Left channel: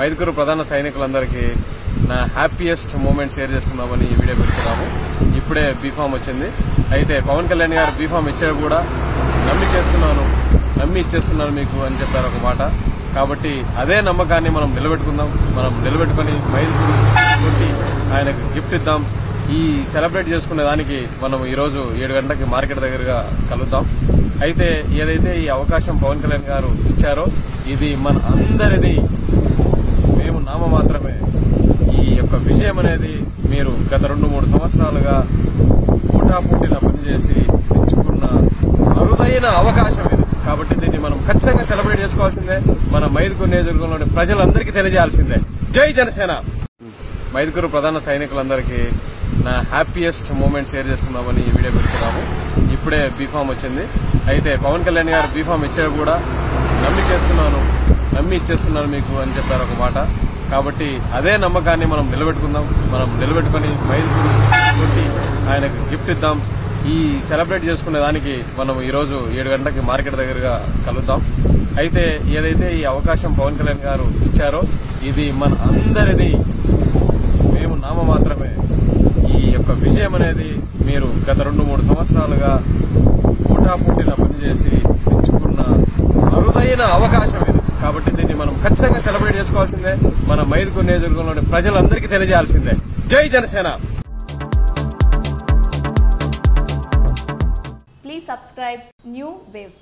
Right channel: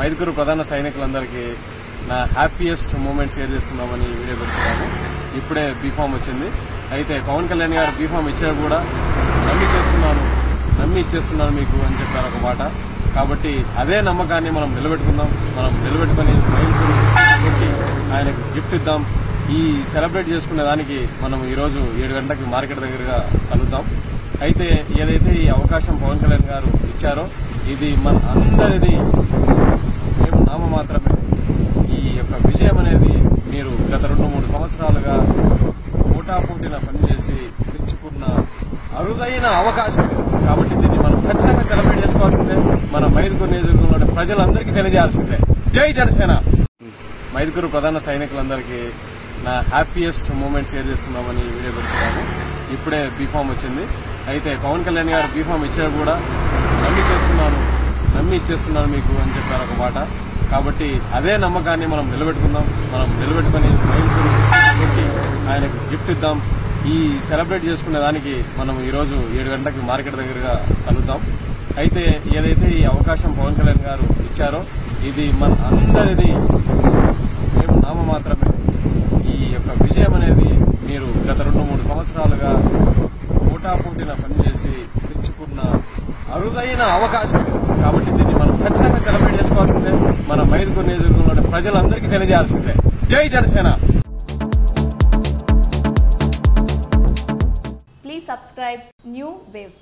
మైదుకూరు ప్రధాన సైనికులందరికీ నా happiest moment share చేసుకుందామని ఈ వీడియో పెడుతున్నాము. ఇప్పుడే బీఫామ్ వచ్చింది. అయితే పవన్ కళ్యాణ్ గారు బీఫామ్ ఇచ్చాడు కూడా నమ్మి ఇచ్చేస్తున్నాను మీకు అని చెప్పారు ఒక మాట. కాబట్టి అదే నమ్మకాన్ని మనం నిలబెట్టుకుందాం. మనం నిలబెట్టుకుని మైదుకూరు కొట్టి ఆయనకు గిఫ్ట్ ఇద్దాం. ఈ సెలబ్రేట్ చేసుకునే దానికి మనం ఈ రోజు 7 గంటలకి మార్కెట్ దగ్గరగా కలుద్దాం. అయితే ఏదైతే ఈ అవకాశం పవన్ కళ్యాణ్ గారు ఇచ్చారో ఇది మన అందరిది, మేము నామ మాత్రమే. ఈ యొక్క విజయం అనేది మీరు గత 2-3 సంవత్సరాలుగా పోటాపోటీలా పనిచేసి పెంచుకున్న అరుదైన అవకాశం ఇది. కాబట్టి దీన్ని మనం ఖచ్చితంగా సెలబ్రేట్ చేసుకోవాల్సిందే. మన మైదుకూరు నియోజకవర్గంలోని ప్రజలందరికీ తెలియజేయాల్సిందే. జై జనసేన. మైదుకూరు ప్రధాన సైనికులందరికీ నా హ్యాపీయెస్ట్ మూమెంట్ షేర్ చేసుకుందామని ఈ వీడియో పెడుతున్నాము. ఇప్పుడే బీఫామ్ వచ్చింది. అయితే పవన్ కళ్యాణ్ గారు బీఫామ్ ఇచ్చాడు కూడా నమ్మి ఇచ్చేస్తున్నాను మీకు అని చెప్పారు ఒక మాట. కాబట్టి అదే నమ్మకాన్ని మనం నిలబెట్టుకుందాం. మనం నిలబెట్టుకుని మైదుకూరు కొట్టి ఆయనకు గిఫ్ట్ ఇద్దాం. ఈ సెలబ్రేట్ చేసుకునే దానికి మనం ఈ రోజు 7 గంటలకి మార్కెట్ దగ్గరగా కలుద్దాం. అయితే ఏదైతే ఈ అవకాశం పవన్ కళ్యాణ్ గారు ఇచ్చారో ఇది మన అందరిది, మేము నామ మాత్రమే. ఈ యొక్క విజయం అనేది మీరు గత 2-3 సంవత్సరాలుగా పోటాపోటీలా పనిచేసి పెంచుకున్న అరుదైన అవకాశం ఇది. కాబట్టి దీన్ని మనం ఖచ్చితంగా సెలబ్రేట్ చేసుకోవాల్సిందే. మన మైదుకూరు నియోజకవర్గంలోని ప్రజలందరికీ తెలియజేయాల్సిందే. జై Janasena. Please subscribe New Waves.